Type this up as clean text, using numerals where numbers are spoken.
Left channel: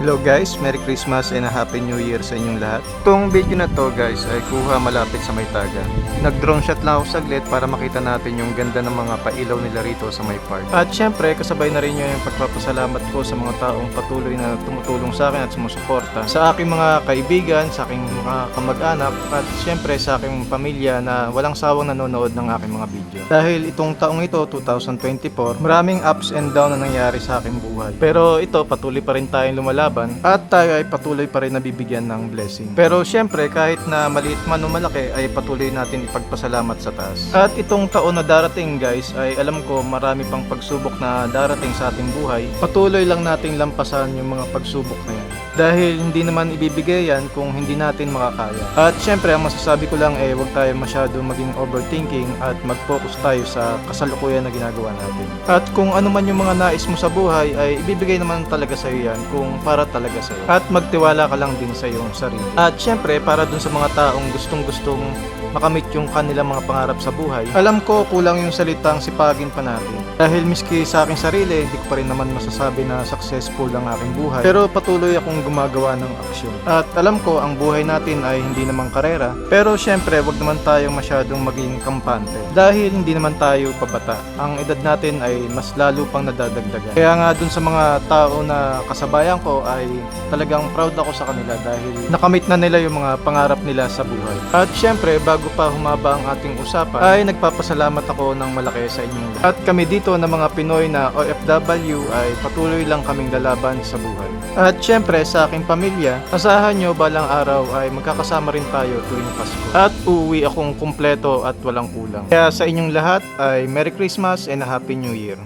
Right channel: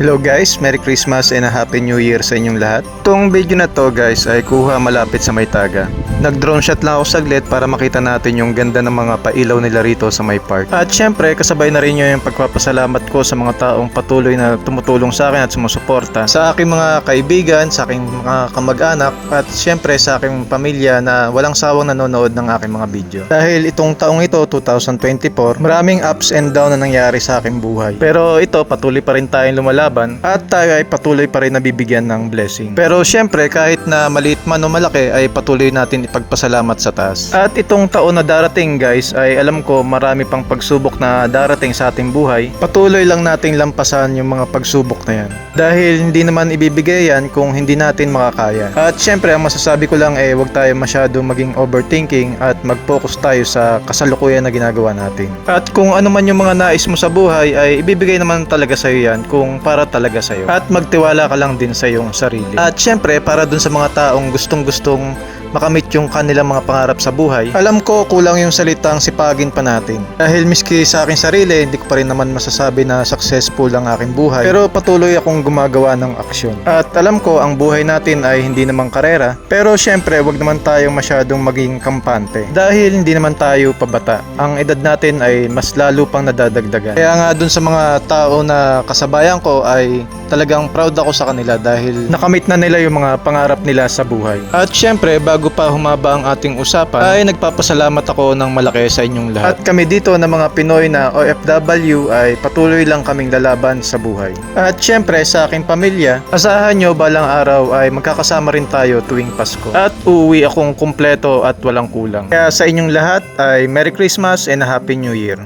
Hello guys, Merry Christmas and a Happy New Year sa inyong lahat. Itong video na to guys ay kuha malapit sa Maytaga. Nag-drone shot lang ako saglit para makita natin yung ganda ng mga pailaw nila rito sa may park. At syempre kasabay na rin yung pagpapasalamat ko sa mga taong patuloy na tumutulong sa akin at sumusuporta. Sa aking mga kaibigan, sa aking mga kamag-anak at syempre sa aking pamilya na walang sawang nanonood ng aking mga video. Dahil itong taong ito, 2024, maraming ups and down na nangyari sa aking buhay. Pero ito, patuloy pa rin tayong lumalaban at tayo ay patuloy pa rin nabibigyan ng blessing. Pero syempre kahit na maliit man o malaki ay patuloy natin ipagpasalamat sa taas. At itong taon na darating guys ay alam ko marami pang pagsubok na darating sa ating buhay. Patuloy lang nating lampasan yung mga pagsubok na yan. Dahil hindi naman ibibigay yan kung hindi natin makakaya. At syempre ang masasabi ko lang ay huwag tayo masyado maging overthinking at mag-focus tayo sa kasalukuyan na ginagawa natin. At kung ano man yung mga nais mo sa buhay ay ibibigay naman talaga sa iyo yan kung para talaga sa'yo. At magtiwala ka lang din sa iyong sarili. At syempre, para dun sa mga taong gustong-gustong makamit yung kanilang mga pangarap sa buhay, alam ko kulang yung salitang sipagin pa natin. Dahil miski sa aking sarili, hindi ko pa rin naman masasabi na successful ang aking buhay. Pero patuloy akong gumagawa ng aksyon. At alam ko, ang buhay natin ay hindi naman karera. Pero syempre, wag naman tayong masyadong maging kampante. Dahil hindi naman tayo pabata. Ang edad natin ay mas lalo pang nadadagdagan. Kaya nga dun sa mga tao na kasabayan ko ay talagang proud ako sa kanila dahil nakamit na nila yung mga pangarap nila sa buhay. At syempre, bago pa humaba ang ating usapan ay nagpapasalamat ako ng malaki sa inyong lahat. At kami dito na mga Pinoy na OFW ay patuloy lang kaming lalaban sa buhay. At syempre sa aking pamilya, asahan nyo balang araw ay magkakasama rin tayo tuwing Pasko. At uuwi akong kumpleto at walang kulang. Kaya sa inyong lahat ay Merry Christmas and a Happy New Year.